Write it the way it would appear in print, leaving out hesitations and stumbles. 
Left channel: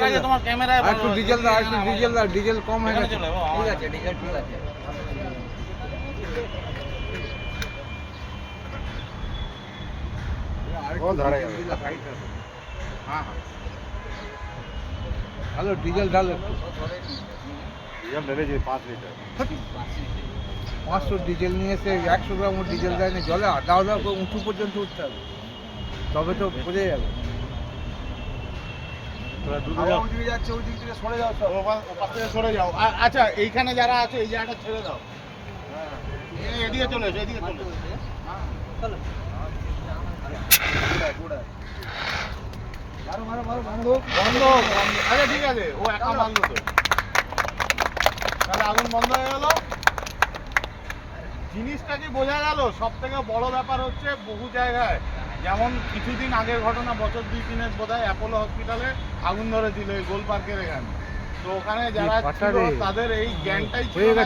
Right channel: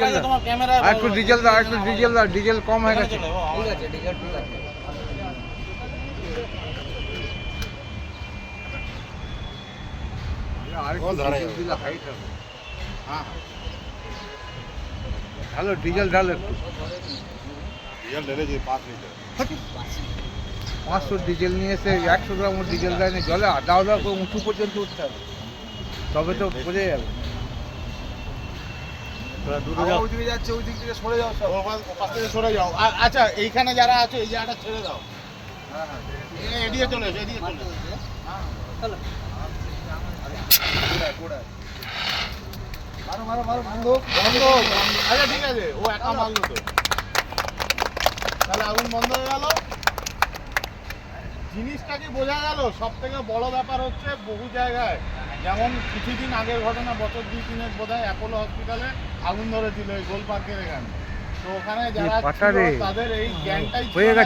তোমার ক্যামেরায় আর একটু ডিজেল দাও, আর একটু ডিজেল দাও, ডিজেল কম হয়ে গেছে। ঠিক আছে ডিজেল ঠিক আছে। আর একটু ডিজেল দিলে হাইট হবে। হ্যাঁ ভালো ডিজেল ঢালো একটু। ডিজেল ঢেলেছি 5 লিটার 500 ডিজেল নিয়ে এসে 100 গ্রাম ডিজেল দেয় না, জলে আধা আধা করে উঁচু পর্যন্ত উঠতে হবে, তবে তো বোঝা যাবে। ওইদিকে যাচ্ছে, ওই দিক থেকে সরে যাও, সব পাশ থেকে সরে যাও। আচ্ছা এইখানে যারা আছে এই জায়গাটা ছেড়ে দাও, এদিকে চলে এসো, এদিকে চলে এসো। চলো বন্ধ। আচ্ছা ঠিক আছে, ও একটা মারলো তো, তাহলে আগুন বন্ধ হয়ে গেল। জিনিসটা কি বোঝা গেল? সব থেকে বড় ব্যাপার হচ্ছে বহু জায়গায়, যেমন কিছুদিন আগের ঘটনা, বছর 2-3 বোধহয় অ্যাপোলো হসপিটালে আগুন ধরেছিল এই গোল পার্কের এখানে। তো ওখানে যারা ছিল তাদের এই জ্ঞানটাই ছিল না